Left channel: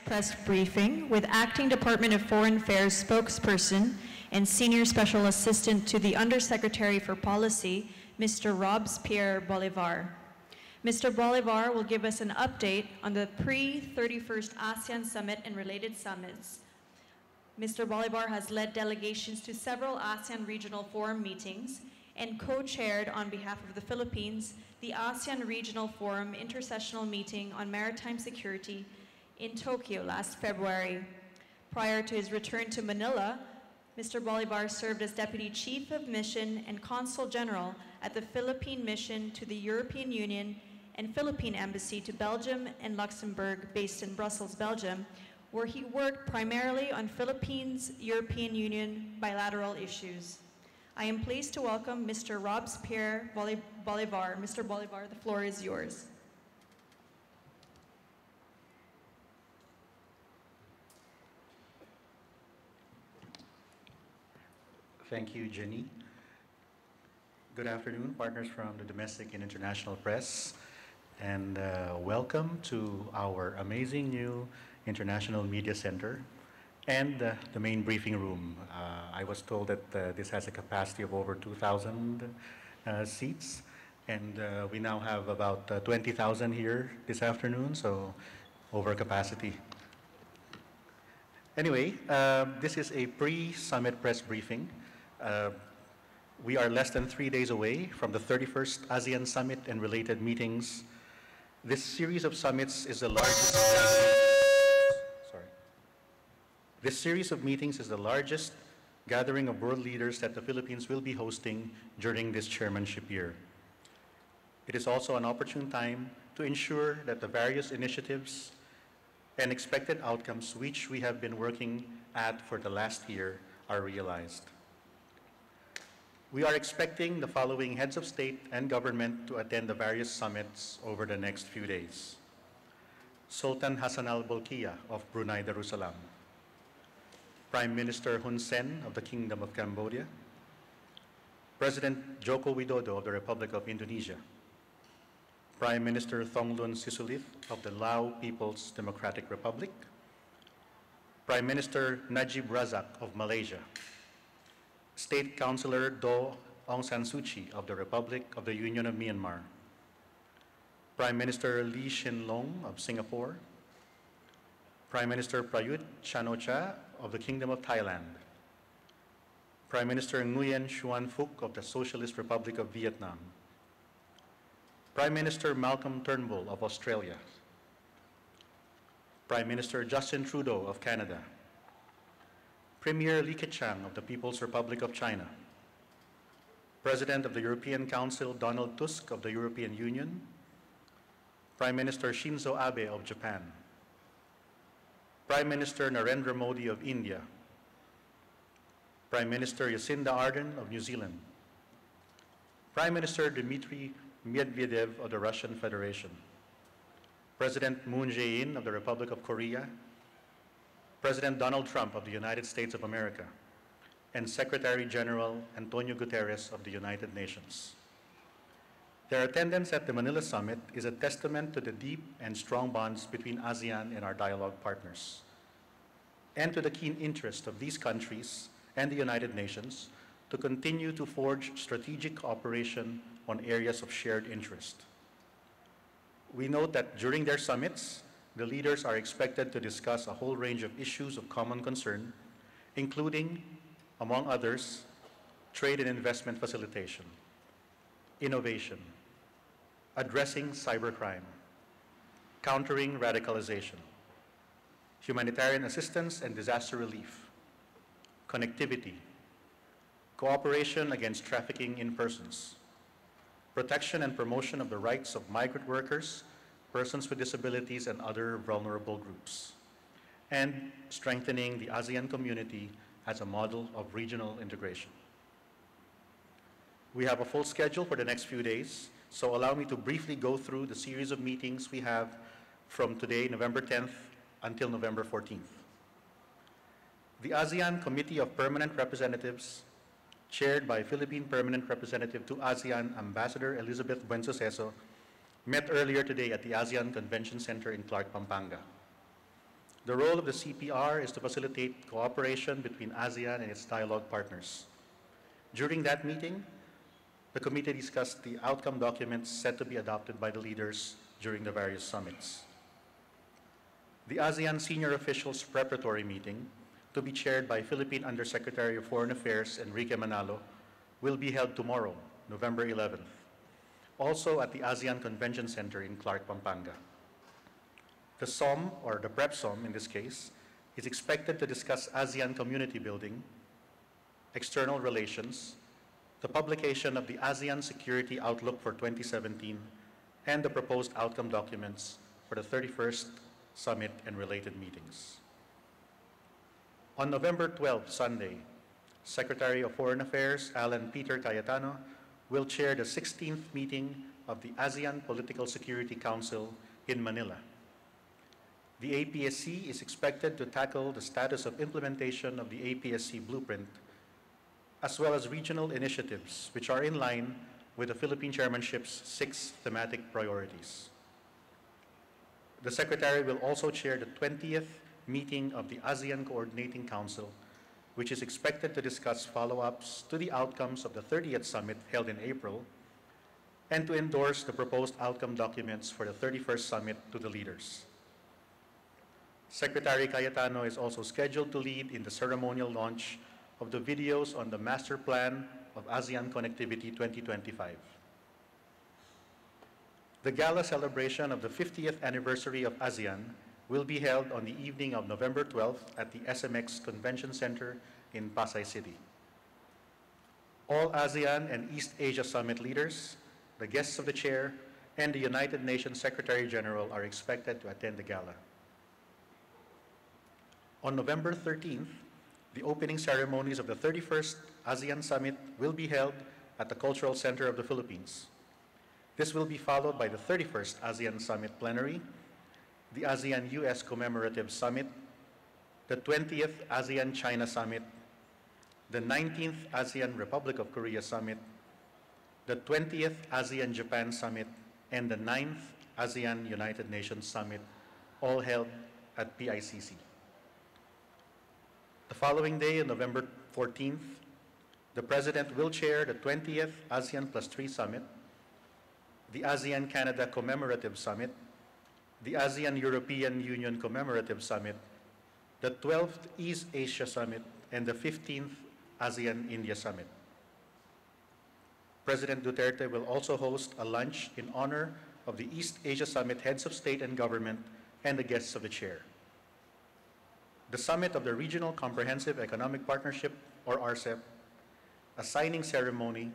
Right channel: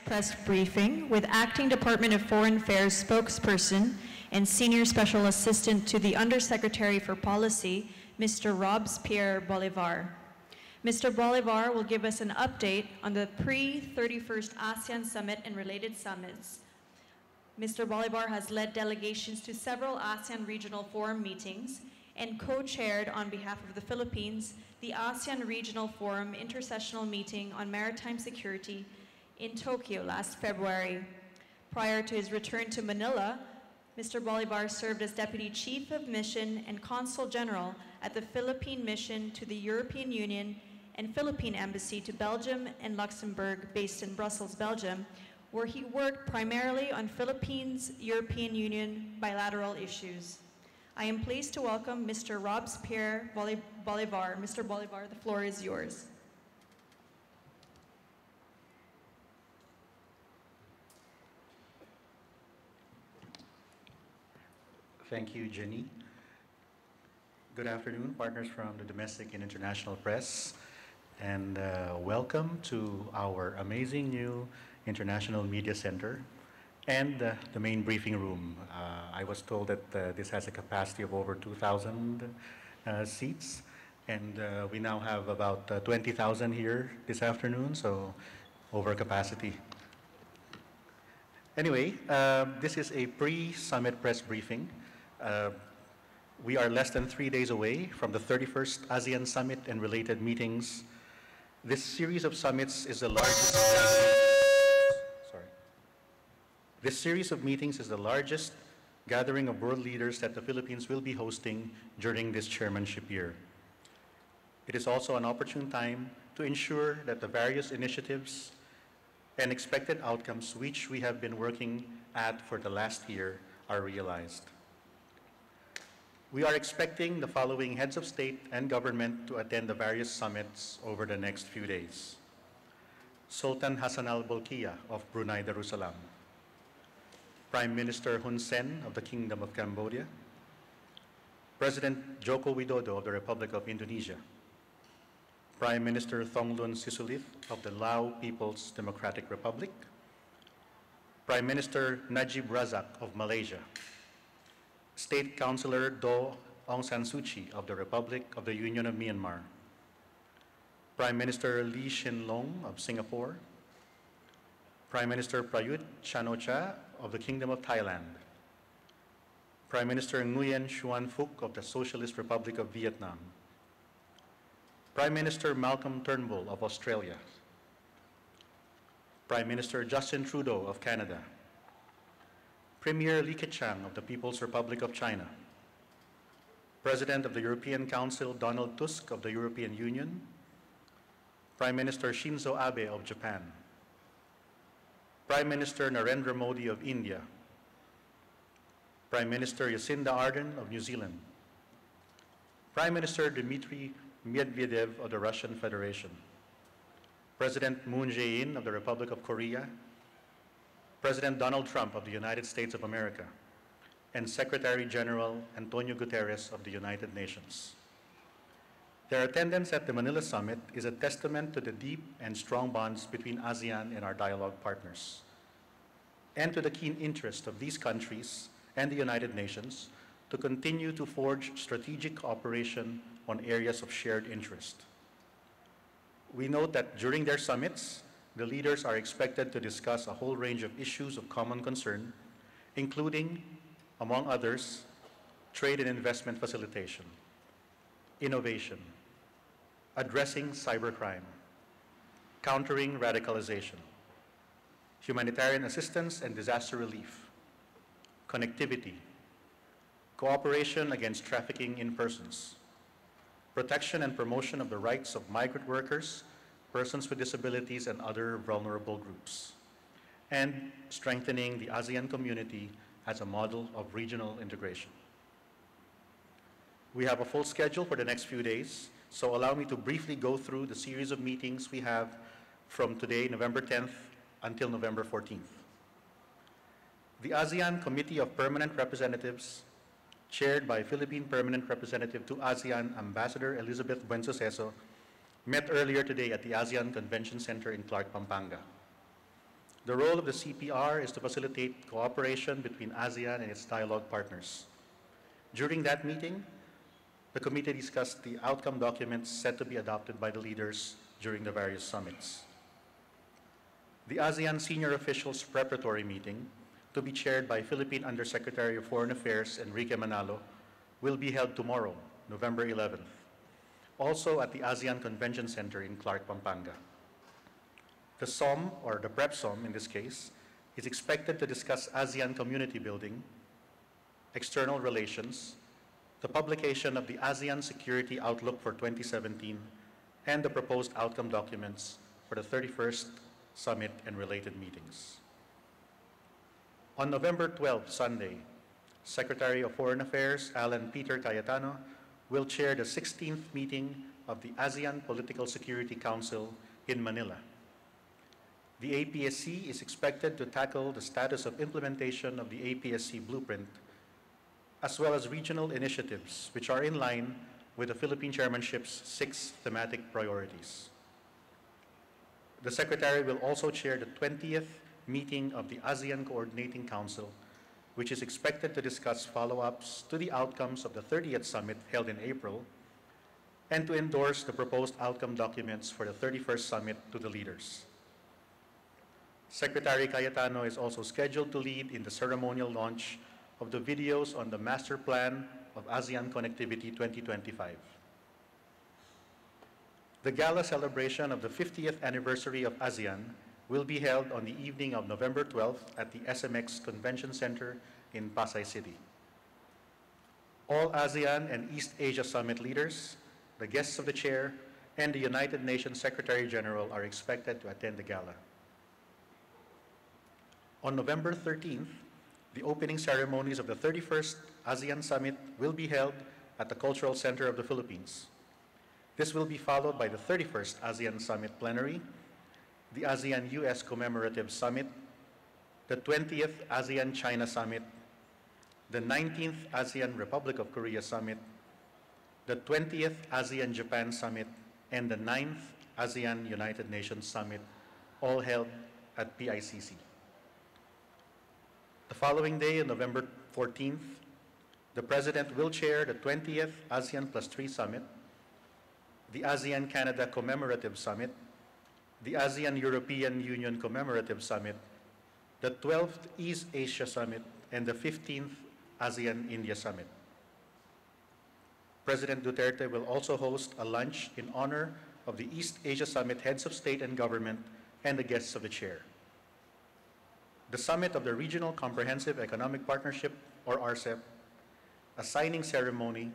Press briefing with Acting Department of Foreign Affairs spokesperson and Senior Special Assistant to the Undersecretary for Policy, Mr. Robespierre Bolivar. Mr. Bolivar will give us an update on the pre-31st ASEAN Summit and related summits. Mr. Bolivar has led delegations to several ASEAN Regional Forum meetings and co-chaired on behalf of the Philippines the ASEAN Regional Forum Intersessional Meeting on Maritime Security in Tokyo last February. Prior to his return to Manila, Mr. Bolivar served as Deputy Chief of Mission and Consul General at the Philippine Mission to the European Union and Philippine Embassy to Belgium and Luxembourg, based in Brussels, Belgium, where he worked primarily on Philippines-European Union bilateral issues. I am pleased to welcome Mr. Robespierre Bolivar. Mr. Bolivar, the floor is yours. Thank you, Jenny. Good afternoon, partners from the domestic and international press, and welcome to our amazing new International Media Center and the main briefing room. I was told that this has a capacity of over 2,000 seats, and we now have about 20,000 here this afternoon, so over capacity. Anyway, this is a pre-summit press briefing. We are less than 3 days away from the 31st ASEAN Summit and related meetings. This series of summits is the largest. This series of meetings is the largest gathering of world leaders that the Philippines will be hosting during this chairmanship year. It is also an opportune time to ensure that the various initiatives and expected outcomes which we have been working at for the last year are realized. We are expecting the following heads of state and government to attend the various summits over the next few days. Sultan Hassan al-Bolkiah of Brunei Darussalam, Prime Minister Hun Sen of the Kingdom of Cambodia, President Joko Widodo of the Republic of Indonesia, Prime Minister Thongloun Sisoulith of the Lao People's Democratic Republic, Prime Minister Najib Razak of Malaysia, State Councilor Do Aung San Suu Kyi of the Republic of the Union of Myanmar, Prime Minister Lee Hsien Loong of Singapore, Prime Minister Prayut Chan-o-cha of the Kingdom of Thailand, Prime Minister Nguyen Xuan Phuc of the Socialist Republic of Vietnam, Prime Minister Malcolm Turnbull of Australia, Prime Minister Justin Trudeau of Canada, Premier Li Keqiang of the People's Republic of China, President of the European Council Donald Tusk of the European Union, Prime Minister Shinzo Abe of Japan, Prime Minister Narendra Modi of India, Prime Minister Jacinda Ardern of New Zealand, Prime Minister Dmitry Medvedev of the Russian Federation, President Moon Jae-in of the Republic of Korea, President Donald Trump of the United States of America, and Secretary General Antonio Guterres of the United Nations. Their attendance at the Manila Summit is a testament to the deep and strong bonds between ASEAN and our dialogue partners, and to the keen interest of these countries and the United Nations to continue to forge strategic cooperation on areas of shared interest. We note that during their summits, the leaders are expected to discuss a whole range of issues of common concern, including, among others, trade and investment facilitation, innovation, addressing cybercrime, countering radicalization, humanitarian assistance and disaster relief, connectivity, cooperation against trafficking in persons, protection and promotion of the rights of migrant workers, persons with disabilities, and other vulnerable groups, and strengthening the ASEAN community as a model of regional integration. We have a full schedule for the next few days, so allow me to briefly go through the series of meetings we have from today, November 10th, until November 14th. The ASEAN Committee of Permanent Representatives, chaired by Philippine Permanent Representative to ASEAN Ambassador Elizabeth Buensuceso, met earlier today at the ASEAN Convention Center in Clark, Pampanga. The role of the CPR is to facilitate cooperation between ASEAN and its dialogue partners. During that meeting, the committee discussed the outcome documents set to be adopted by the leaders during the various summits. The ASEAN senior officials preparatory meeting, to be chaired by Philippine Undersecretary of Foreign Affairs Enrique Manalo, will be held tomorrow, November 11th, also at the ASEAN Convention Center in Clark, Pampanga. The SOM, or the PrEP SOM in this case, is expected to discuss ASEAN community building, external relations, the publication of the ASEAN Security Outlook for 2017, and the proposed outcome documents for the 31st Summit and related meetings. On November 12th, Sunday, Secretary of Foreign Affairs Alan Peter Cayetano will chair the 16th meeting of the ASEAN Political Security Council in Manila. The APSC is expected to tackle the status of implementation of the APSC blueprint, as well as regional initiatives which are in line with the Philippine Chairmanship's 6 thematic priorities. The Secretary will also chair the 20th meeting of the ASEAN Coordinating Council, which is expected to discuss follow-ups to the outcomes of the 30th Summit held in April, and to endorse the proposed outcome documents for the 31st Summit to the leaders. Secretary Cayetano is also scheduled to lead in the ceremonial launch of the videos on the Master Plan of ASEAN Connectivity 2025. The gala celebration of the 50th anniversary of ASEAN will be held on the evening of November 12th at the SMX Convention Center in Pasay City. All ASEAN and East Asia Summit leaders, the guests of the chair, and the United Nations Secretary General are expected to attend the gala. On November 13th, the opening ceremonies of the 31st ASEAN Summit will be held at the Cultural Center of the Philippines. This will be followed by the 31st ASEAN Summit Plenary, the ASEAN-US Commemorative Summit, the 20th ASEAN-China Summit, the 19th ASEAN Republic of Korea Summit, the 20th ASEAN-Japan Summit, and the 9th ASEAN United Nations Summit, all held at PICC. The following day, on November 14th, the President will chair the 20th ASEAN Plus 3 Summit, the ASEAN-Canada Commemorative Summit, the ASEAN-European Union Commemorative Summit, the 12th East Asia Summit, and the 15th ASEAN-India Summit. President Duterte will also host a lunch in honor of the East Asia Summit heads of state and government and the guests of the chair. The summit of the Regional Comprehensive Economic Partnership, or RCEP, a signing ceremony,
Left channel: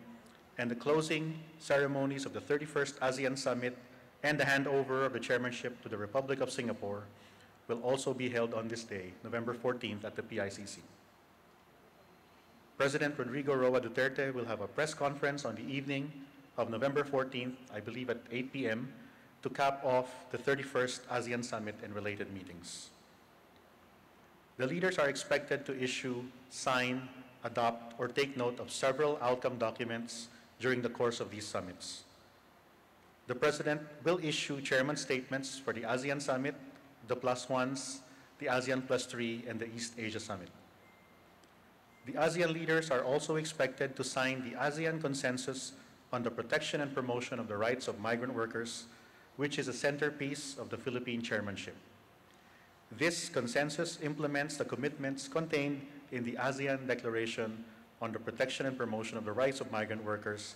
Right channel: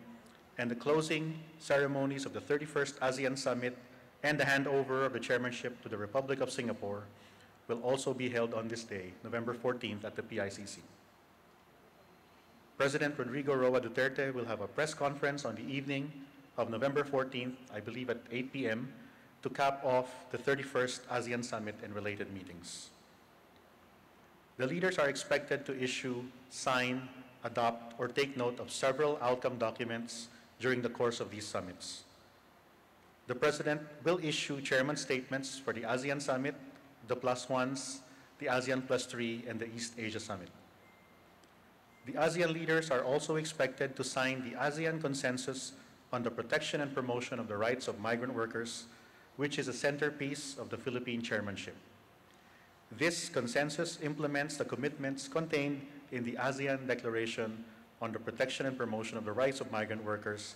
and the closing ceremonies of the 31st ASEAN Summit and the handover of the chairmanship to the Republic of Singapore will also be held on this day, November 14th, at the PICC. President Rodrigo Roa Duterte will have a press conference on the evening of November 14th, I believe at 8 p.m., to cap off the 31st ASEAN Summit and related meetings. The leaders are expected to issue, sign, adopt, or take note of several outcome documents during the course of these summits. The President will issue chairman statements for the ASEAN Summit, the Plus Ones, the ASEAN Plus 3, and the East Asia Summit. The ASEAN leaders are also expected to sign the ASEAN Consensus on the Protection and Promotion of the Rights of Migrant Workers, which is a centerpiece of the Philippine chairmanship. This consensus implements the commitments contained in the ASEAN Declaration on the Protection and Promotion of the Rights of Migrant Workers,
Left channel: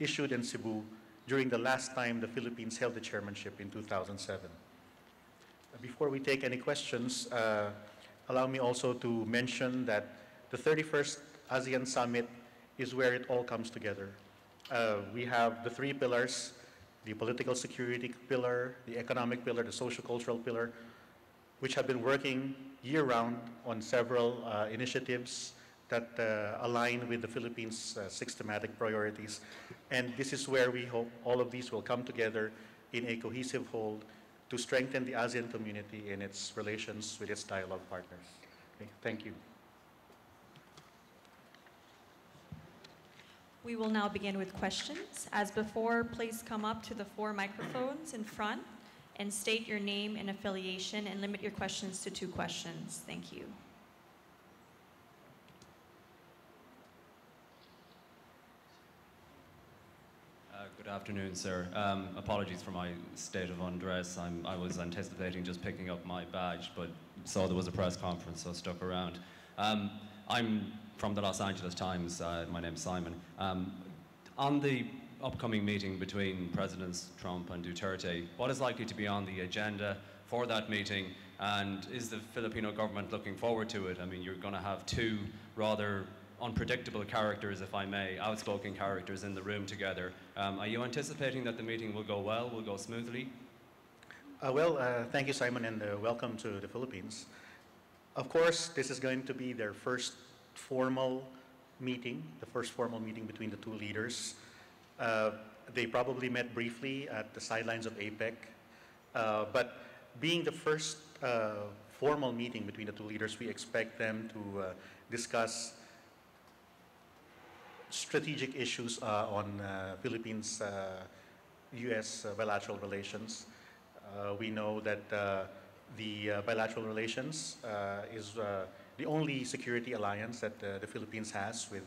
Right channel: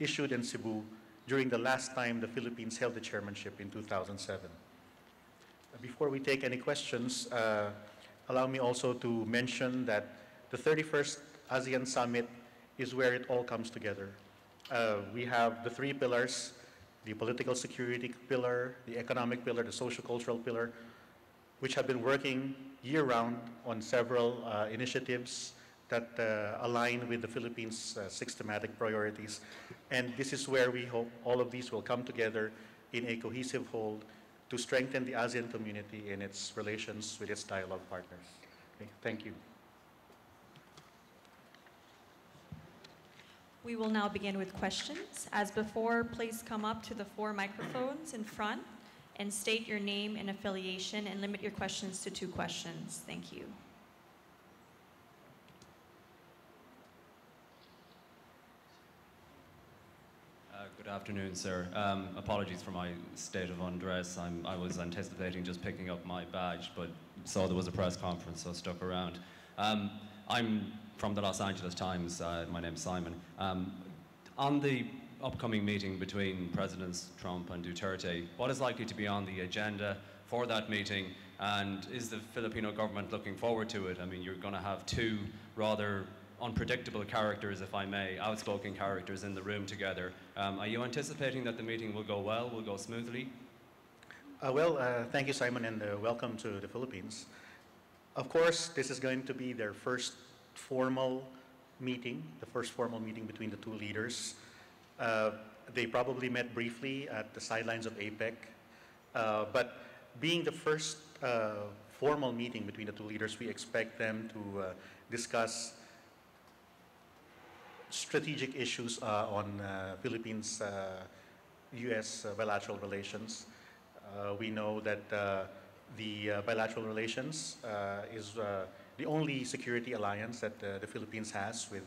issued in Cebu during the last time the Philippines held the chairmanship in 2007. Before we take any questions, allow me also to mention that the 31st ASEAN Summit is where it all comes together. We have the 3 pillars, the political security pillar, the economic pillar, the social-cultural pillar, which have been working year-round on several initiatives that align with the Philippines' 6 thematic priorities. And this is where we hope all of these will come together in a cohesive whole to strengthen the ASEAN community in its relations with its dialogue partners. Okay, thank you. We will now begin with questions. As before, please come up to the 4 microphones in front and state your name and affiliation, and limit your questions to 2 questions. Thank you. Good afternoon, sir. Apologies for my state of undress. I was anticipating just picking up my badge, but saw there was a press conference, so stuck around. I'm from the Los Angeles Times. My name's Simon. On the upcoming meeting between Presidents Trump and Duterte, what is likely to be on the agenda for that meeting, and is the Filipino government looking forward to it? I mean, you're going to have 2 rather unpredictable characters, if I may, outspoken characters in the room together. Are you anticipating that the meeting will go well, will go smoothly? Thank you, Simon, and welcome to the Philippines. Of course, this is going to be their first formal meeting, the first formal meeting between the 2 leaders. They probably met briefly at the sidelines of APEC, but being the first formal meeting between the 2 leaders, we expect them to discuss strategic issues on Philippines' U.S. Bilateral relations. We know that the bilateral relations is the only security alliance that the Philippines has with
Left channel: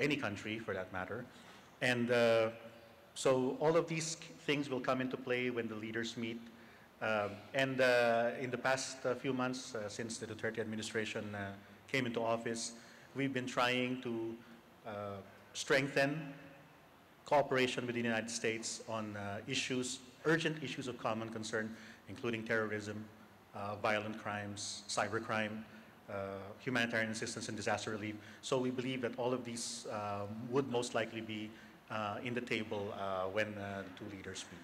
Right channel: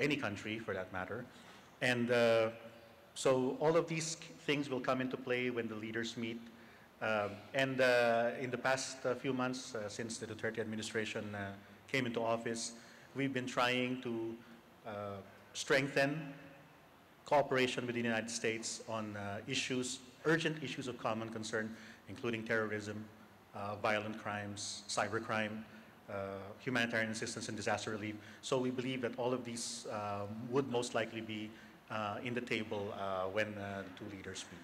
any country, for that matter. And so all of these things will come into play when the leaders meet. In the past few months, since the Duterte administration came into office, we've been trying to strengthen cooperation with the United States on urgent issues of common concern, including terrorism, violent crimes, cybercrime, humanitarian assistance and disaster relief. So we believe that all of these would most likely be in the table when the 2 leaders meet.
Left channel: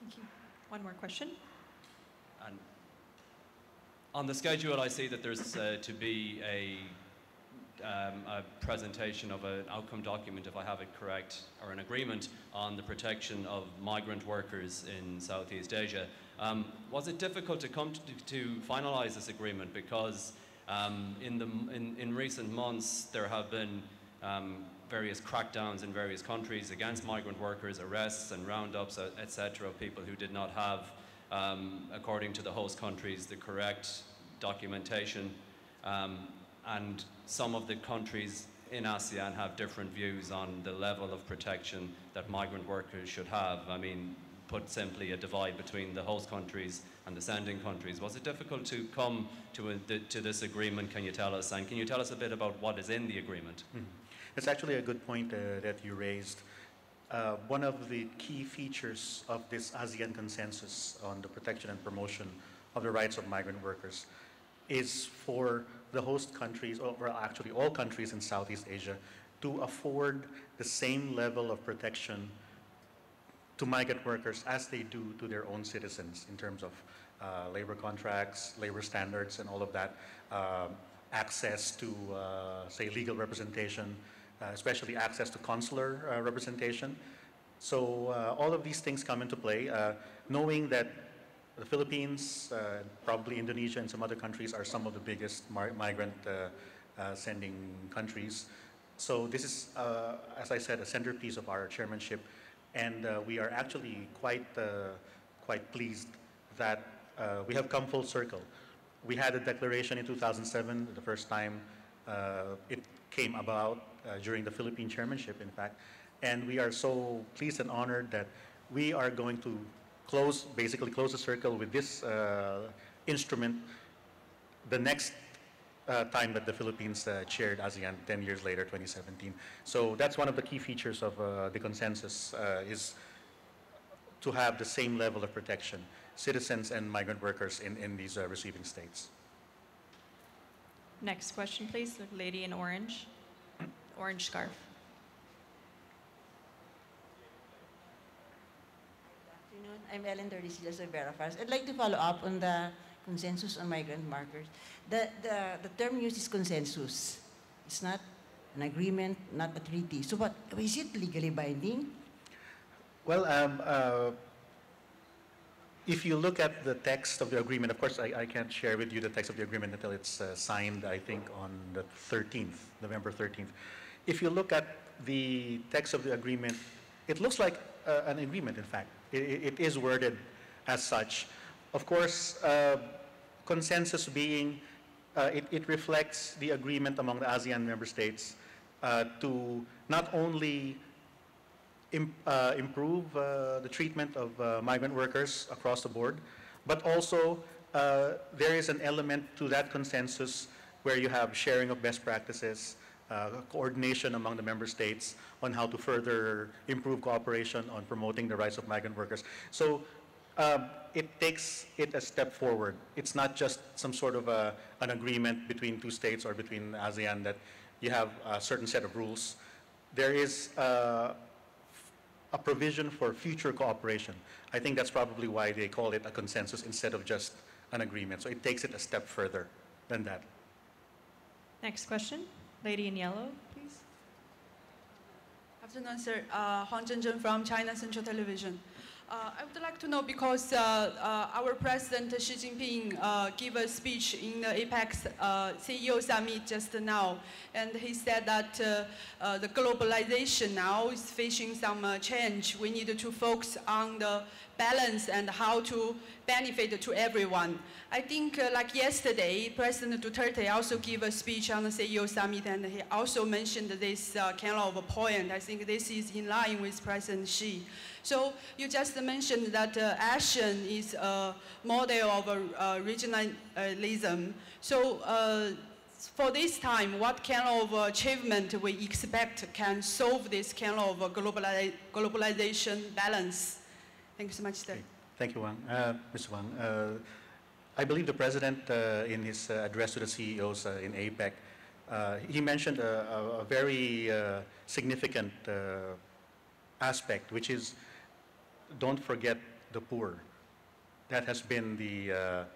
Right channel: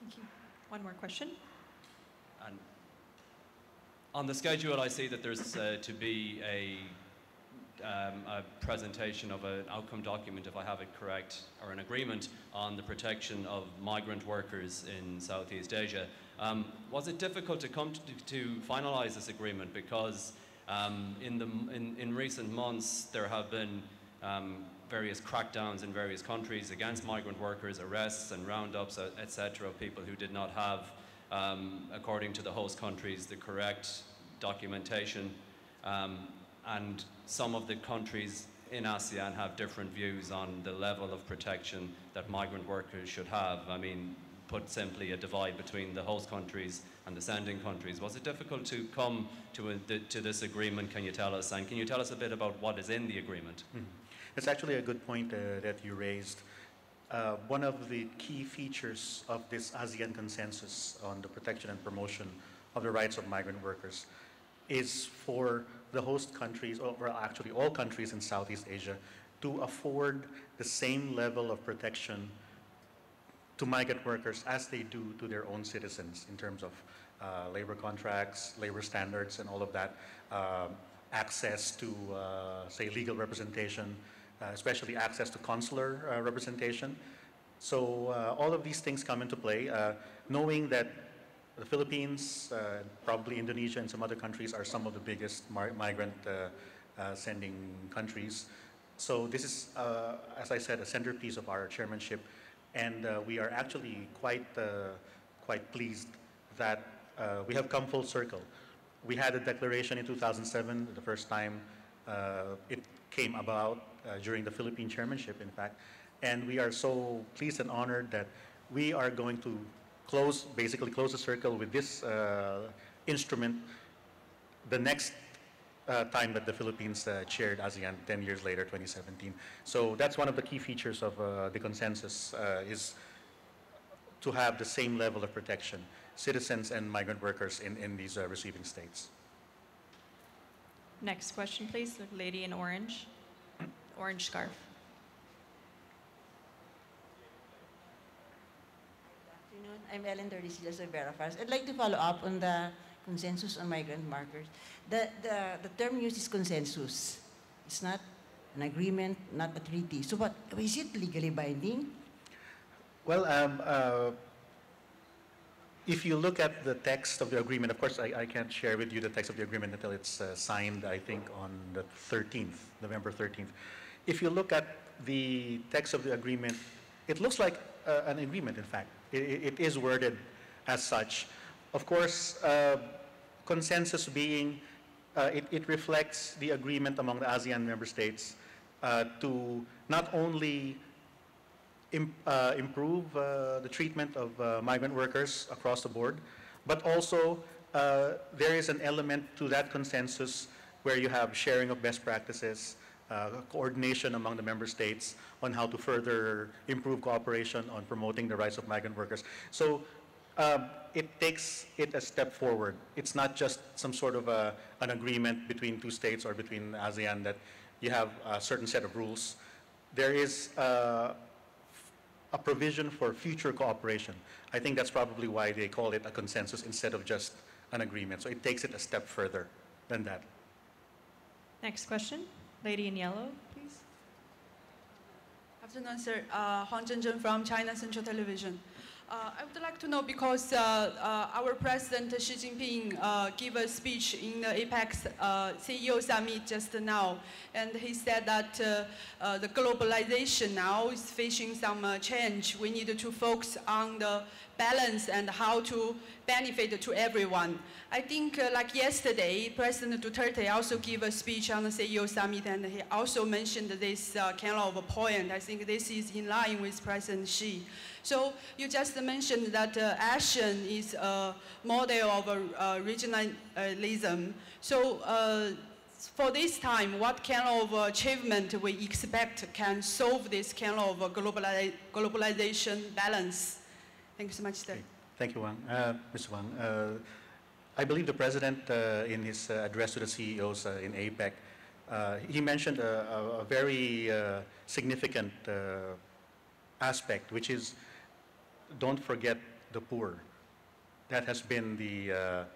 Thank you. One more question. And on the schedule, I see that there's to be a presentation of an outcome document, if I have it correct, or an agreement on the protection of migrant workers in Southeast Asia. Was it difficult to come to finalize this agreement? Because in recent months there have been various crackdowns in various countries against migrant workers, arrests and roundups, etc., of people who did not have, according to the host countries, the correct documentation. And some of the countries in ASEAN have different views on the level of protection that migrant workers should have. I mean, put simply, a divide between the host countries and the sending countries. Was it difficult to come to this agreement, can you tell us? And can you tell us a bit about what is in the agreement? It's actually a good point that you raised. One of the key features of this ASEAN consensus on the protection and promotion of the rights of migrant workers is for the host countries, or actually all countries in Southeast Asia, to afford the same level of protection to migrant workers as they do to their own citizens in terms of labor contracts, labor standards, and all of that, access to, say, legal representation, especially access to consular representation. So all of these things come into play, knowing that the Philippines, probably Indonesia and some other countries are some of the biggest migrant sending countries. So this is, as I said, a centerpiece of our chairmanship, and we are actually quite pleased that we have come full circle. We had a declaration in 2007, the first time it came about during the Philippine chairmanship, in fact, and we are so pleased and honored that we are going to basically close the circle with this instrument the next time that the Philippines chaired ASEAN 10 years later, 2017. So that's one of the key features of the consensus, is to have the same level of protection, citizens and migrant workers in these receiving states. Next question, please. The lady in orange. Orange scarf. I'm Ellen Tordesillas of Verafaz. I'd like to follow up on the consensus on migrant workers. The term used is consensus. It's not an agreement, not a treaty. So what, is it legally binding? Well, if you look at the text of the agreement, of course, I can't share with you the text of the agreement until it's signed, I think, on the 13th, November 13th. If you look at the text of the agreement, it looks like an agreement, in fact. it is worded as such. Of course, consensus being, it reflects the agreement among the ASEAN member states to not only improve the treatment of migrant workers across the board, but also there is an element to that consensus where you have sharing of best practices, coordination among the member states on how to further improve cooperation on promoting the rights of migrant workers. So it takes it a step forward. It's not just some sort of an agreement between two states or between ASEAN that you have a certain set of rules. There is a provision for future cooperation. I think that's probably why they call it a consensus instead of just an agreement. So it takes it a step further than that. Next question, lady in yellow, please. Afternoon, sir. Huang Zhenzhen from China Central Television. I would like to know because our President Xi Jinping gave a speech in the APEC CEO summit just now, and he said that the globalization now is facing some change. We need to focus on the balance and how to benefit to everyone. I think like yesterday, President Duterte also gave a speech on the CEO summit, and he also mentioned this kind of a point. I think this is in line with President Xi. So you just mentioned that ASEAN is a model of regionalism. So for this time, what kind of achievement we expect can solve this kind of globalization balance? Thank you so much, sir. Okay. Thank you, Wang. Mr. Wang. I believe the President, in his address to the CEOs in APEC, he mentioned a very significant aspect, which is don't forget the poor. That has been the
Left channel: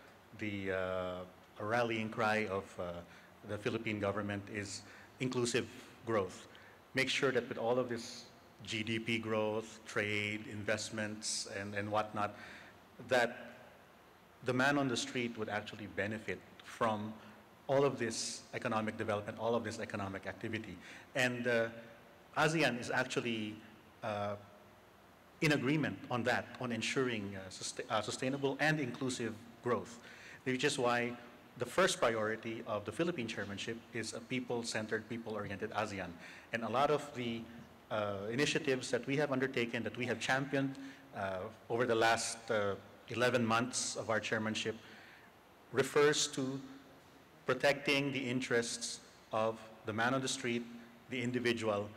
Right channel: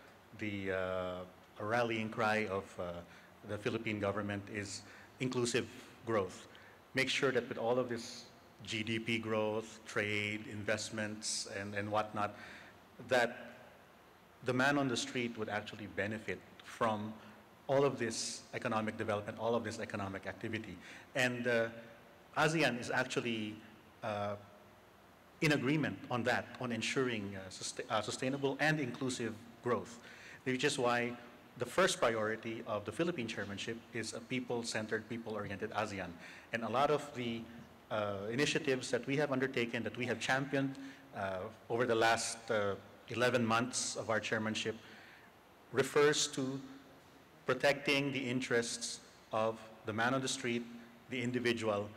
rallying cry of the Philippine government is inclusive growth. Make sure that with all of this GDP growth, trade, investments, and whatnot, that the man on the street would actually benefit from all of this economic development, all of this economic activity. And ASEAN is actually in agreement on that, on ensuring sustainable and inclusive growth, which is why the first priority of the Philippine chairmanship is a people-centered, people-oriented ASEAN. And a lot of the initiatives that we have undertaken, that we have championed over the last 11 months of our chairmanship refers to protecting the interests of the man on the street, the individual,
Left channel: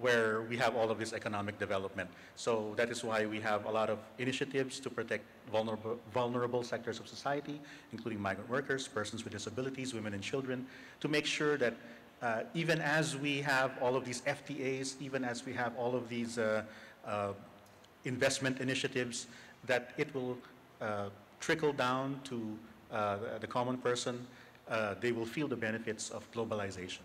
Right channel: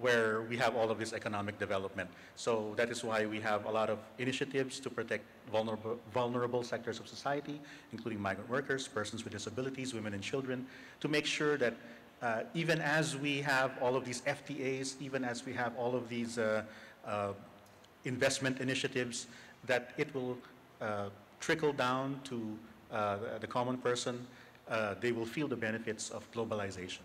where we have all of this economic development. So that is why we have a lot of initiatives to protect vulnerable sectors of society, including migrant workers, persons with disabilities, women and children, to make sure that even as we have all of these FTAs, even as we have all of these investment initiatives, that it will trickle down to the common person. They will feel the benefits of globalization.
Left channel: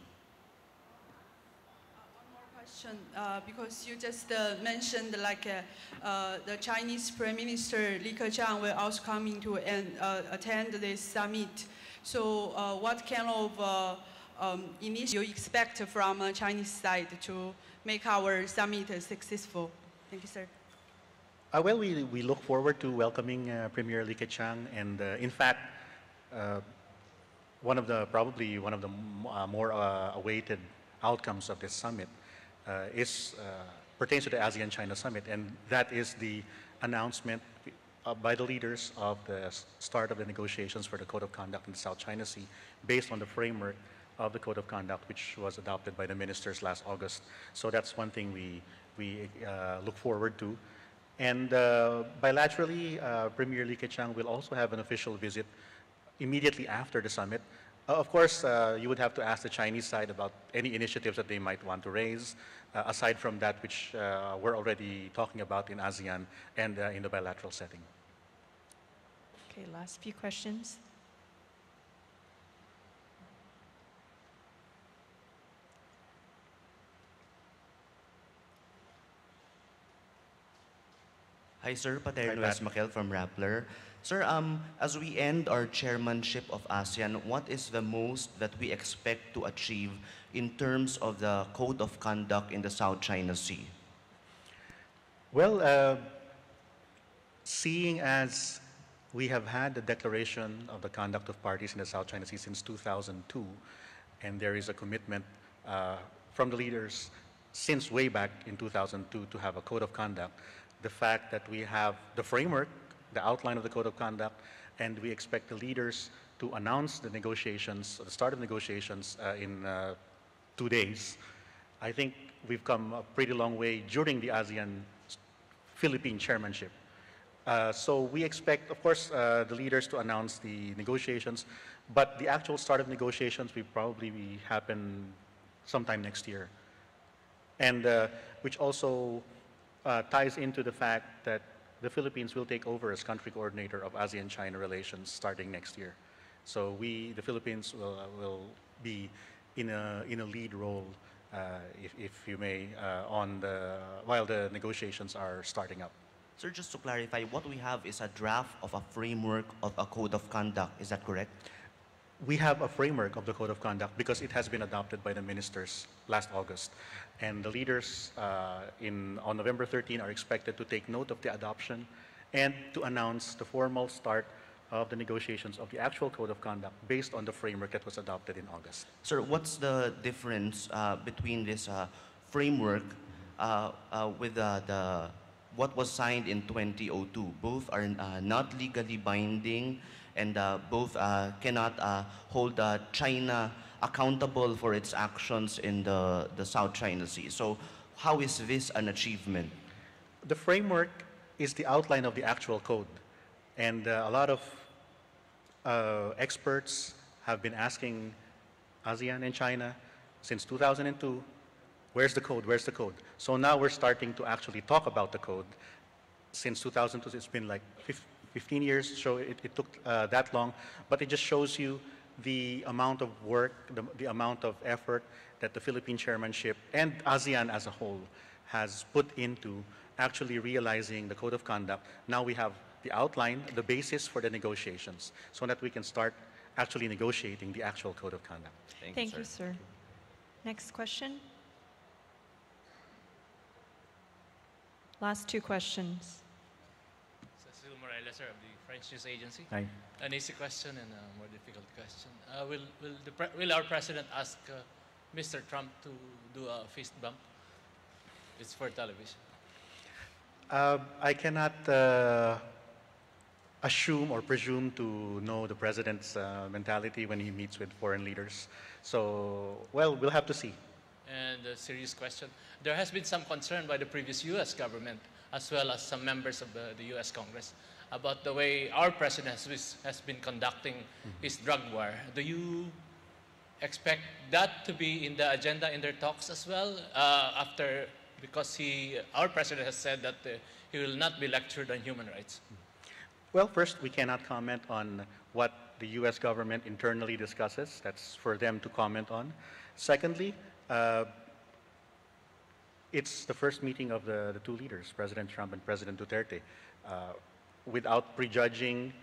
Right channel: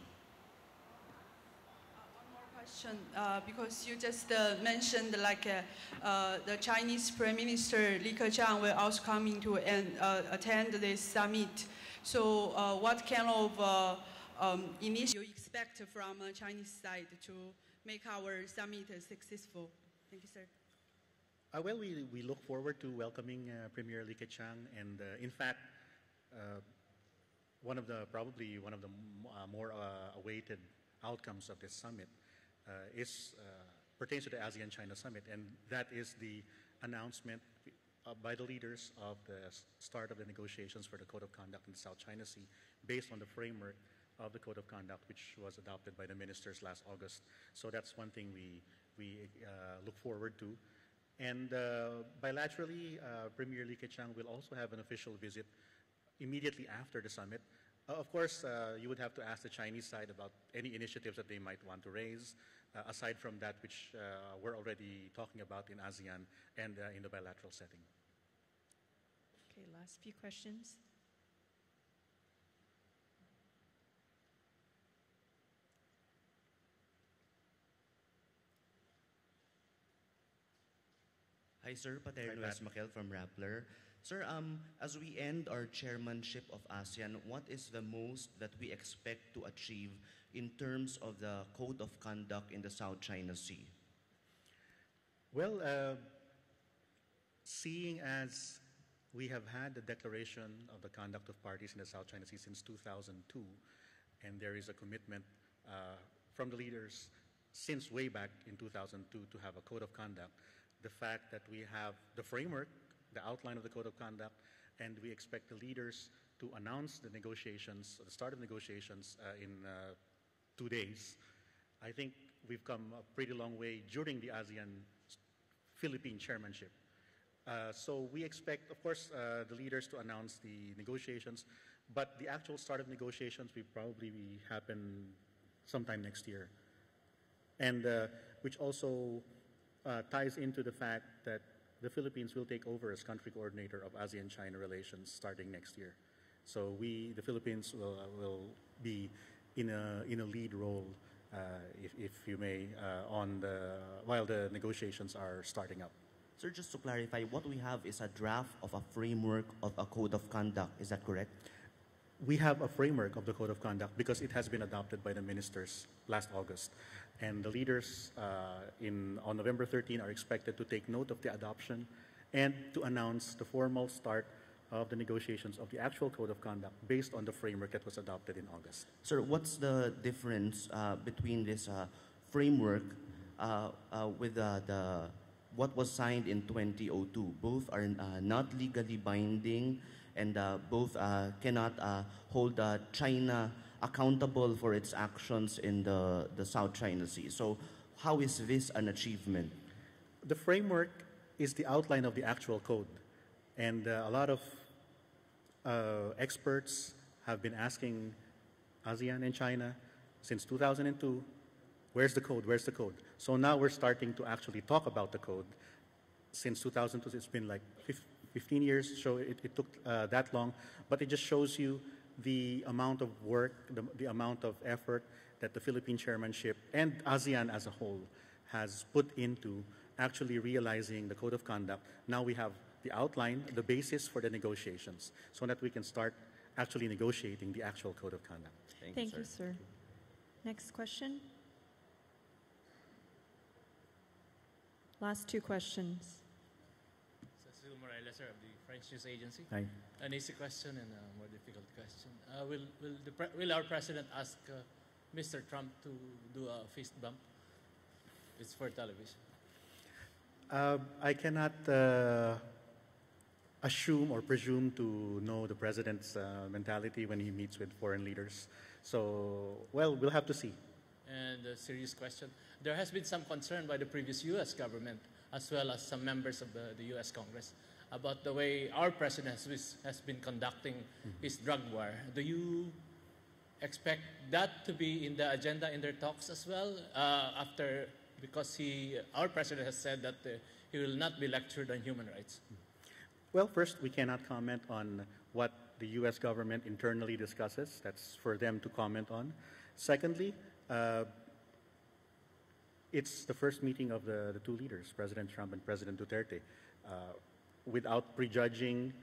Because you just mentioned like the Chinese Prime Minister Li Keqiang will also coming to attend this summit. So what kind of initiative you expect from Chinese side to make our summit successful? Thank you, sir. Well, we look forward to welcoming Premier Li Keqiang, and in fact, probably one of the more awaited outcomes of this summit pertains to the ASEAN-China Summit, and that is the announcement by the leaders of the start of the negotiations for the Code of Conduct in the South China Sea, based on the framework of the Code of Conduct, which was adopted by the ministers last August. So that's one thing we look forward to. And bilaterally, Premier Li Keqiang will also have an official visit immediately after the summit. Of course, you would have to ask the Chinese side about any initiatives that they might want to raise, aside from that which we're already talking about in ASEAN and in the bilateral setting. Okay, last few questions. Hi, sir. Paterno Esmaquel from Rappler. Sir, as we end our chairmanship of ASEAN, what is the most that we expect to achieve in terms of the Code of Conduct in the South China Sea? Well, seeing as we have had the declaration of the conduct of parties in the South China Sea since 2002, and there is a commitment from the leaders since way back in 2002 to have a code of conduct, the fact that we have the framework, the outline of the code of conduct, and we expect the leaders to announce the negotiations, the start of negotiations in 2 days. I think we've come a pretty long way during the ASEAN Philippine chairmanship. So we expect, of course, the leaders to announce the negotiations, but the actual start of negotiations will probably happen sometime next year. And which also ties into the fact that the Philippines will take over as country coordinator of ASEAN-China relations starting next year. So the Philippines will be in a lead role, if you may, while the negotiations are starting up. Sir, just to clarify, what we have is a draft of a framework of a code of conduct. Is that correct? We have a framework of the code of conduct because it has been adopted by the ministers last August. And the leaders on November 13 are expected to take note of the adoption and to announce the formal start of the negotiations of the actual code of conduct based on the framework that was adopted in August. Sir, what's the difference between this framework with what was signed in 2002? Both are not legally binding, and both cannot hold China accountable for its actions in the South China Sea. So how is this an achievement? The framework is the outline of the actual code. And a lot of experts have been asking ASEAN and China since 2002, where's the code, where's the code? So now we're starting to actually talk about the code. Since 2002, it's been like 15 years, so it took that long, but it just shows you the amount of work, the amount of effort that the Philippine chairmanship and ASEAN as a whole has put into actually realizing the code of conduct. Now we have the outline, the basis for the negotiations, so that we can start actually negotiating the actual code of conduct. Thank you, sir. Next question. Last two questions. Cecil Morales, sir, of the French News Agency. Hi. An easy question and a more difficult question. Will our president ask Mr. Trump to do a fist bump? It's for television. I cannot assume or presume to know the president's mentality when he meets with foreign leaders. So, well, we'll have to see. And a serious question. There has been some concern by the previous U.S. government, as well as some members of the U.S. Congress, about the way our president has been conducting his drug war. Do you expect that to be in the agenda in their talks as well? Because our president has said that he will not be lectured on human rights. Well, first, we cannot comment on what the U.S. government internally discusses. That's for them to comment on. Secondly, it's the first meeting of the two leaders, President Trump and President Duterte. Without prejudging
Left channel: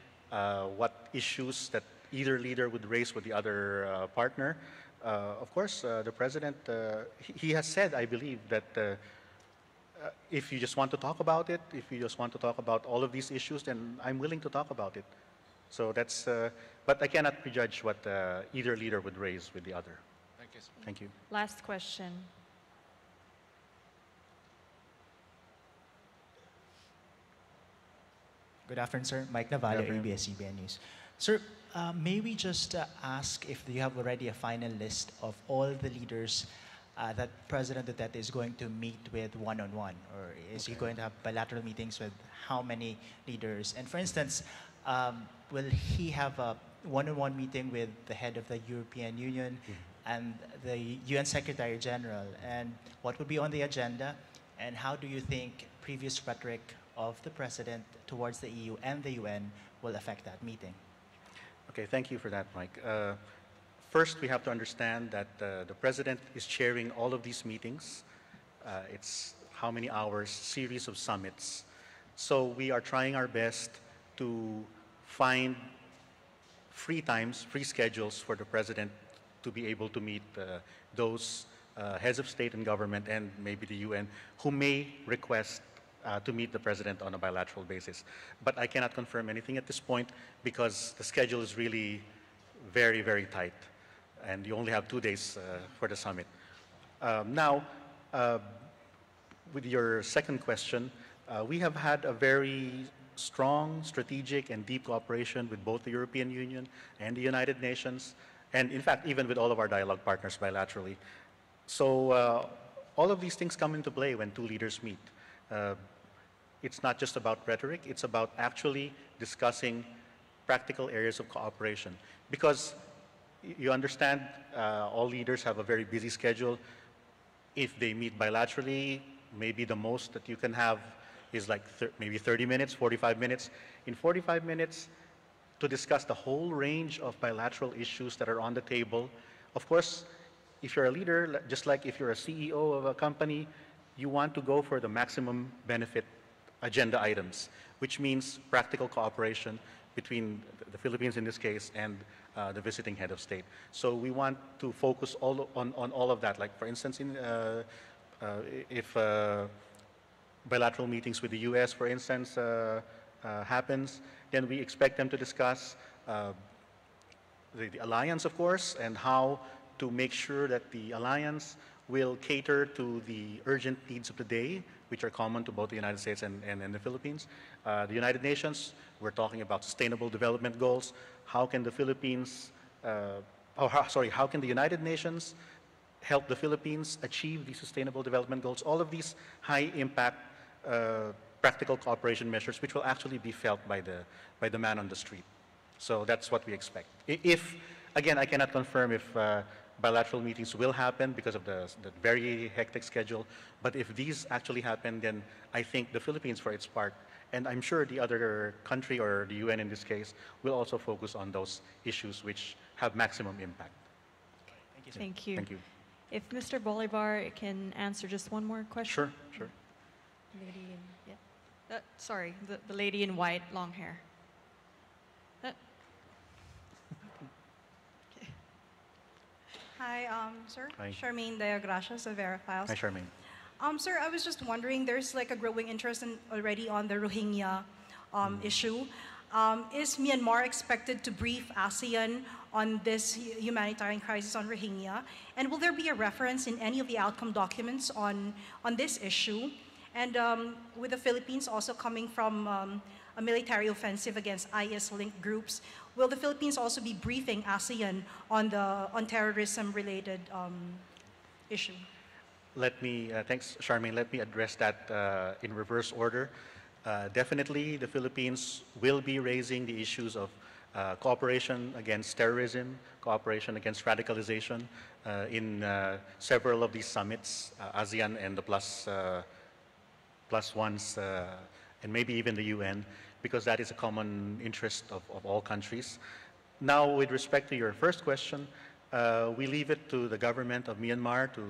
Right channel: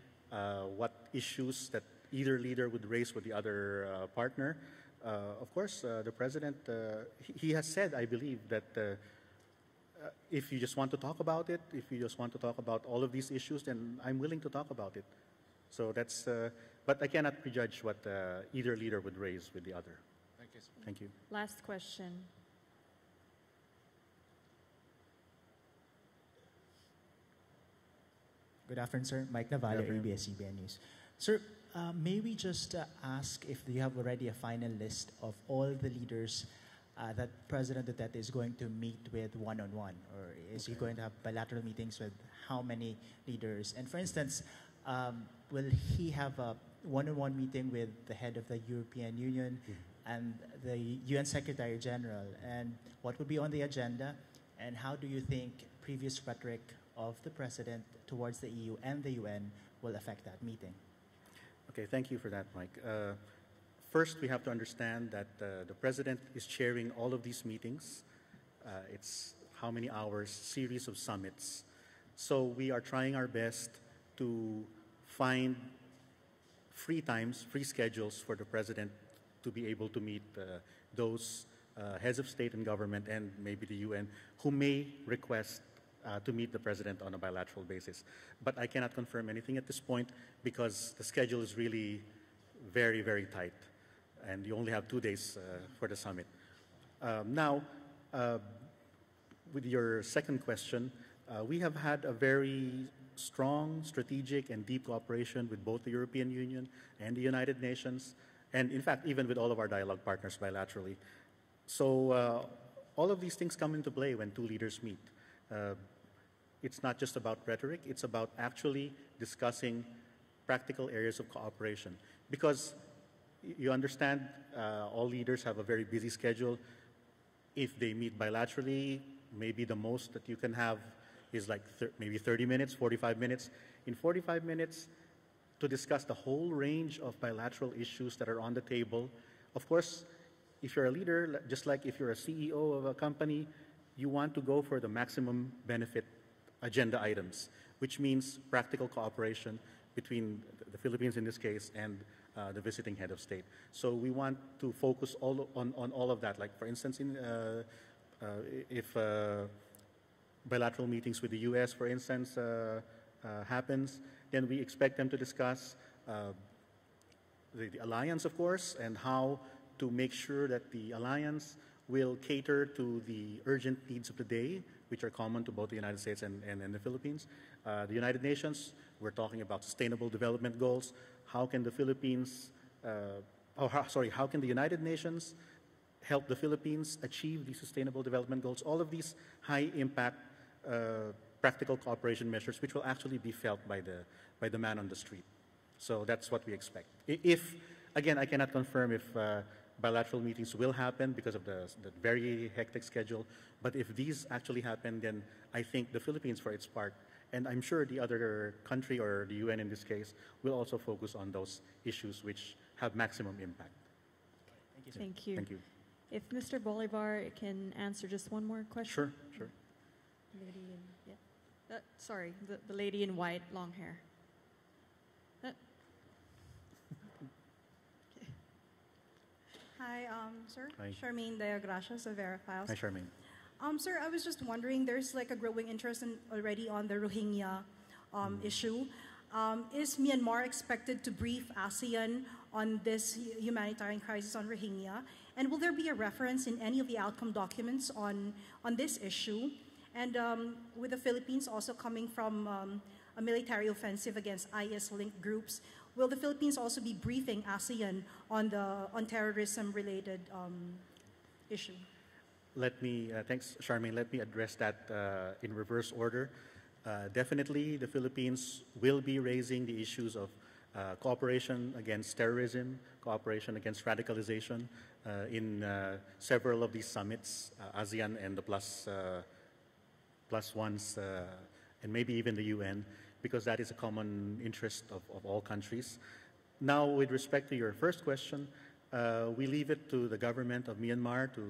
what issues that either leader would raise with the other partner, of course, the president, he has said, I believe, that if you just want to talk about it, if you just want to talk about all of these issues, then I'm willing to talk about it. So that's, but I cannot prejudge what either leader would raise with the other. Thank you, sir. Thank you. Last question. Good afternoon, sir. Mike Navallo, ABS-CBN News. Sir, may we just ask if you have already a final list of all the leaders that President Duterte is going to meet with one-on-one? Or is he going to have bilateral meetings with how many leaders? And for instance, will he have a one-on-one meeting with the head of the European Union and the UN Secretary General? And what would be on the agenda? And how do you think previous rhetoric of the President towards the EU and the UN will affect that meeting? Okay, thank you for that, Mike. First, we have to understand that the President is chairing all of these meetings. It's how many hours, series of summits. So we are trying our best to find free times, free schedules for the President to be able to meet those heads of state and government and maybe the UN who may request to meet the president on a bilateral basis. But I cannot confirm anything at this point because the schedule is really very, very tight. And you only have 2 days for the summit. Now, with your second question, we have had a very strong, strategic, and deep cooperation with both the European Union and the United Nations, and in fact, even with all of our dialogue partners bilaterally. So all of these things come into play when two leaders meet. It's not just about rhetoric, it's about actually discussing practical areas of cooperation. Because you understand, all leaders have a very busy schedule. If they meet bilaterally, maybe the most that you can have is like maybe 30 minutes, 45 minutes. In 45 minutes, to discuss the whole range of bilateral issues that are on the table. Of course, if you're a leader, just like if you're a CEO of a company, you want to go for the maximum benefit agenda items, which means practical cooperation between the Philippines in this case and the visiting head of state. So we want to focus on all of that. Like for instance, if bilateral meetings with the US, for instance, happens, then we expect them to discuss the alliance, of course, and how to make sure that the alliance will cater to the urgent needs of the day, which are common to both the United States and the Philippines. The United Nations, we're talking about sustainable development goals. How can the Philippines, how can the United Nations help the Philippines achieve these sustainable development goals? All of these high impact practical cooperation measures, which will actually be felt by the man on the street. So that's what we expect. If, again, I cannot confirm if bilateral meetings will happen because of the very hectic schedule, but if these actually happen, then I think the Philippines, for its part, and I'm sure the other country or the UN in this case, will also focus on those issues which have maximum impact. Thank you. Thank you. If Mr. Bolivar can answer just one more question. Sure. Lady in, yeah. Sorry, the lady in white, long hair. Hi, sir. Hi. Charmaine Deogracias of Verifiles. Hi, Charmaine. Sir, I was just wondering, there's like a growing interest already on the Rohingya issue. Is Myanmar expected to brief ASEAN on this humanitarian crisis on Rohingya? And will there be a reference in any of the outcome documents on this issue? And with the Philippines also coming from a military offensive against IS-linked groups, will the Philippines also be briefing ASEAN on terrorism-related issue? Thanks, Charmaine. Let me address that in reverse order. Definitely, the Philippines will be raising the issues of cooperation against terrorism, cooperation against radicalization in several of these summits, ASEAN and the plus ones, and maybe even the UN, because that is a common interest of all countries. Now, with respect to your first question, we leave it to the government of Myanmar, to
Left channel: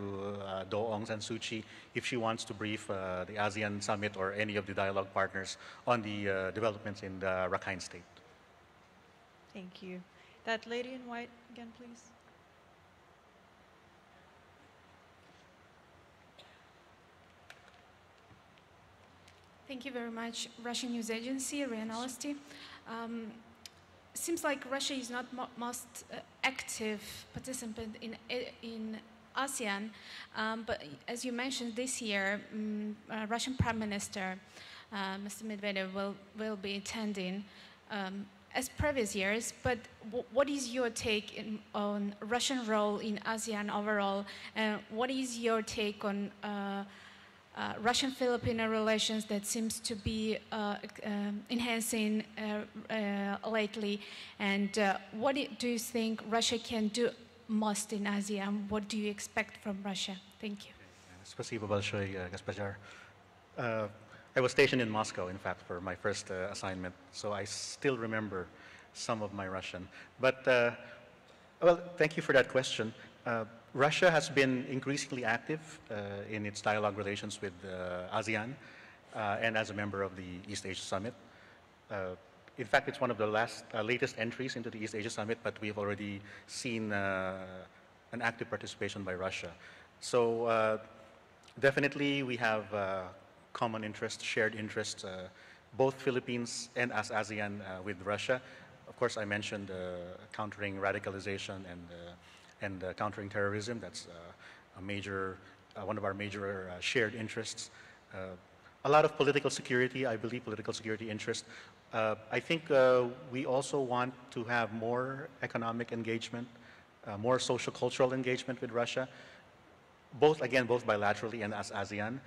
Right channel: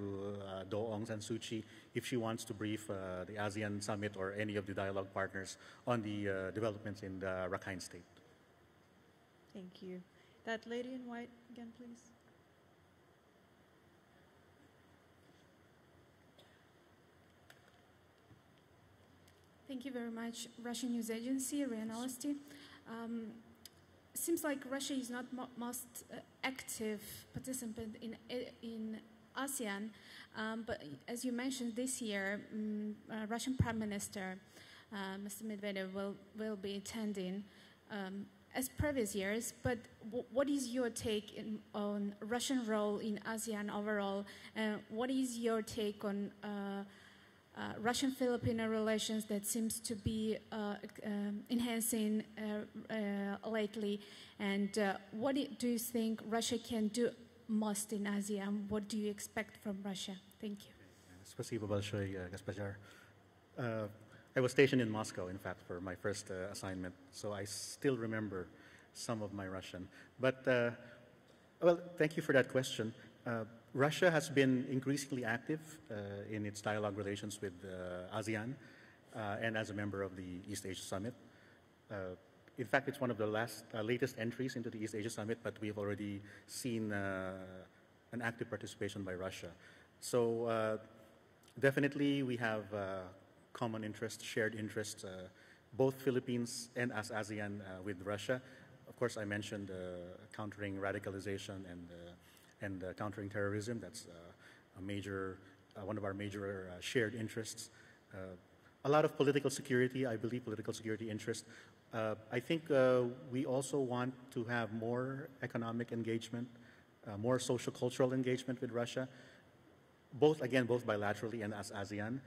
Do Aung San Suu Kyi, if she wants to brief the ASEAN summit or any of the dialogue partners on the developments in the Rakhine State. Thank you. That lady in white again, please. Thank you very much. Russian news agency, RIA Novosti. Seems like Russia is not most active participant in ASEAN, but as you mentioned this year, Russian Prime Minister Mr. Medvedev will be attending as previous years. But what is your take on Russian role in ASEAN overall, and what is your take on Russian-Filipino relations that seems to be enhancing lately? And what do you think Russia can do most in ASEAN? What do you expect from Russia? Thank you. Спасибо большое, госпожа. I was stationed in Moscow, in fact, for my first assignment, so I still remember some of my Russian. But, well, thank you for that question. Russia has been increasingly active in its dialogue relations with ASEAN and as a member of the East Asia Summit. In fact, it's one of the latest entries into the East Asia Summit, but we've already seen an active participation by Russia. So definitely we have common interests, shared interests, both Philippines and as ASEAN with Russia. Of course, I mentioned countering radicalization and countering terrorism. That's one of our major shared interests. A lot of political security, I believe, political security interest. I think we also want to have more economic engagement, more social cultural engagement with Russia, both bilaterally and as ASEAN.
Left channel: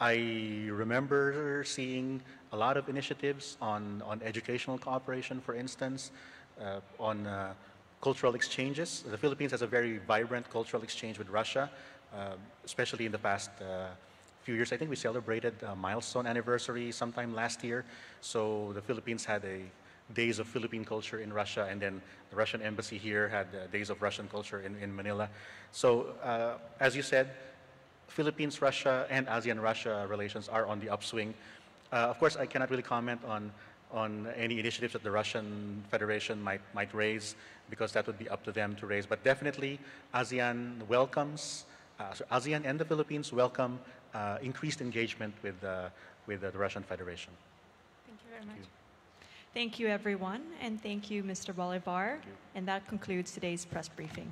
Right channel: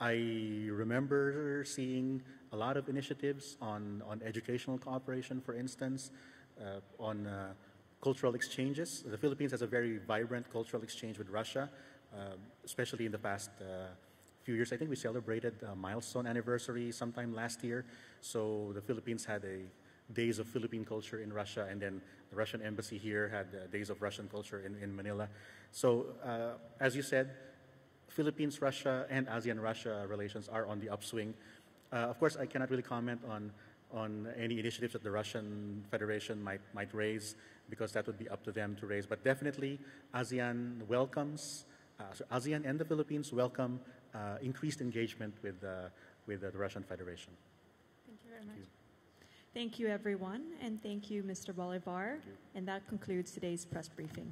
I remember seeing a lot of initiatives on educational cooperation, for instance, on cultural exchanges. The Philippines has a very vibrant cultural exchange with Russia, especially in the past few years. I think we celebrated a milestone anniversary sometime last year. So the Philippines had a Days of Philippine Culture in Russia, and then the Russian embassy here had Days of Russian Culture in Manila. So as you said, Philippines-Russia and ASEAN-Russia relations are on the upswing. Of course, I cannot really comment on any initiatives that the Russian Federation might raise, because that would be up to them to raise. But definitely, ASEAN welcomes, ASEAN and the Philippines welcome increased engagement with the Russian Federation. Thank you very much. Thank you, everyone, and thank you, Mr. Bolivar. And that concludes today's press briefing.